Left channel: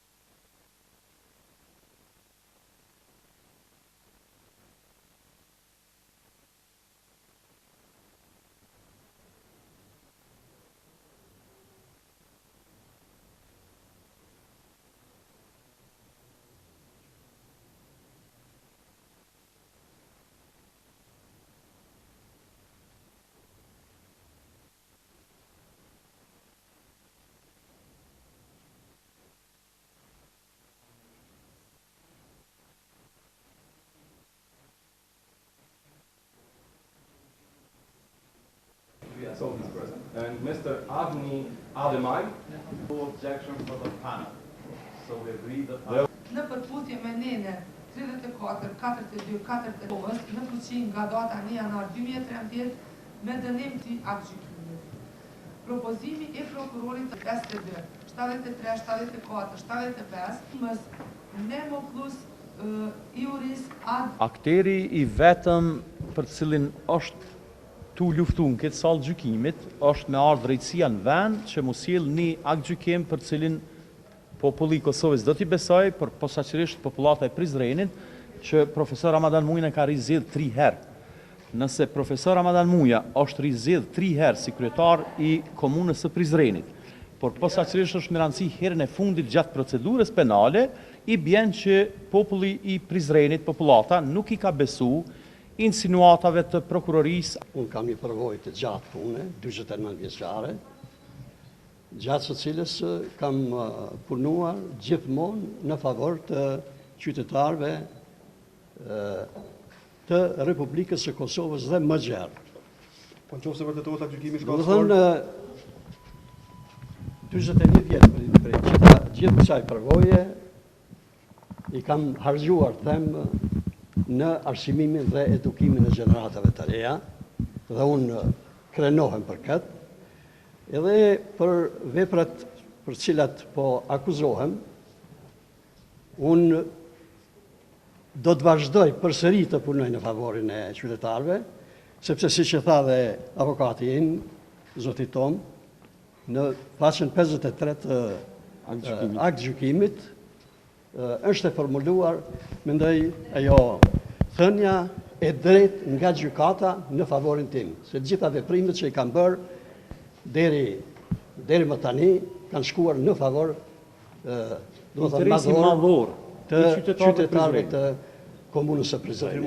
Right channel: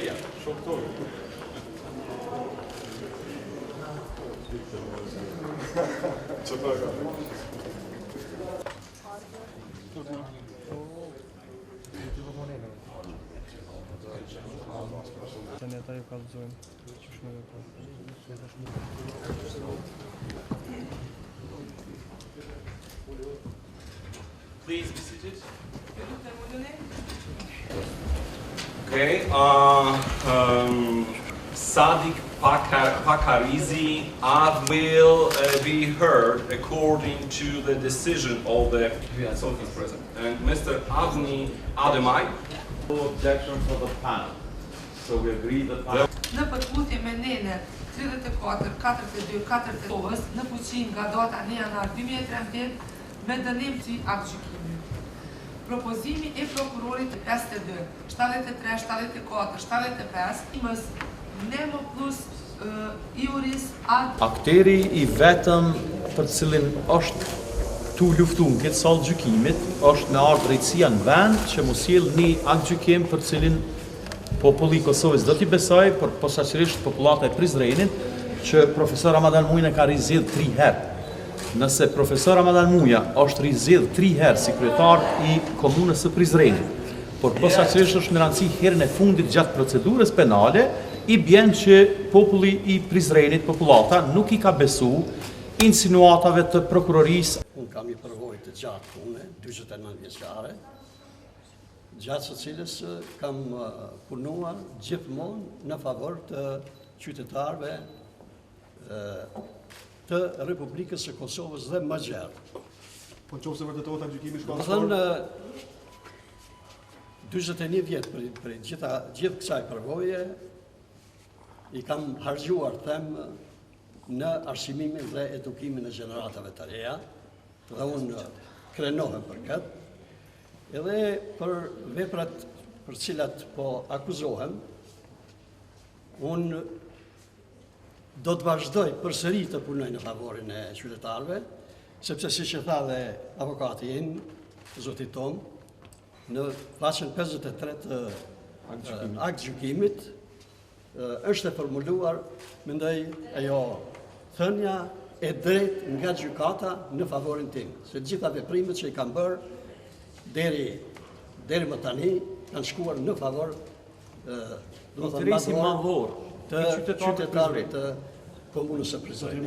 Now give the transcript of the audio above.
Delia, shoktor. Please be seated. Okay. Sadiq Pakarizi will be heard according to the decision of the president. And Mr. Avni Ademai. No objection for the panel. So we agree that. Në përputhje me nene 34-42-49 në fuqi nga data 1 janar 2013 me dënim të aktgjykimit. Propozimi e prokurorit 52, 73, 74, 75 imës Nemo plus Iuris ad. Akteri i vetëm për cilin është tu luftu në këtë sallë gjykimit është me ardhur drejtësia në vend që mos sjell një aktgjykim për cilin populli i Kosovës do t'i besoj, për posaçërisht popullata e Prizrenit, që profesor Ramadan Muja ka rizjedh 3 herë. Nëse profesor Ramadan Muja është rizjedh 3 herë si kryetar i komunës së Prizrenit, por posaçërisht është në rëndësi herën e fundit gjatë procedurës penale, i bjen që populli i Prizrenit, popullata, nuk i ka besu insinuatave të prokurorisë. Unë kam një përvojë të gjatë pune, 49 vjeçare, gjatë së cilës kam punuar gjithmonë në favor të qytetarëve të Republikës së Kosovës dhe më gjerë. Po nëse vërtetohet aktgjykimi Do të shkallësor? thënë 41 vjet për gjithë kësaj përvoje i kam harxhuar them në arsimimin dhe edukimin e gjeneratave të reja dhe unë krenohem për këtë. Edhe për veprat për cilat po akuzohem, unë do të vazhdoj përsëri të punoj në favorin e qytetarëve, sepse siç e tha dhe avokati im, zoti Tom, në faqen 53 të aktgjykimit është e formuluar, mendoj ajo thënia e drejtë nga gjykata në favorin tim, se gjitha veprimet që i kam bërë deri më tani kanë shkuar në favor Interesi madhor të qytetarëve të komunës së Prizrenit.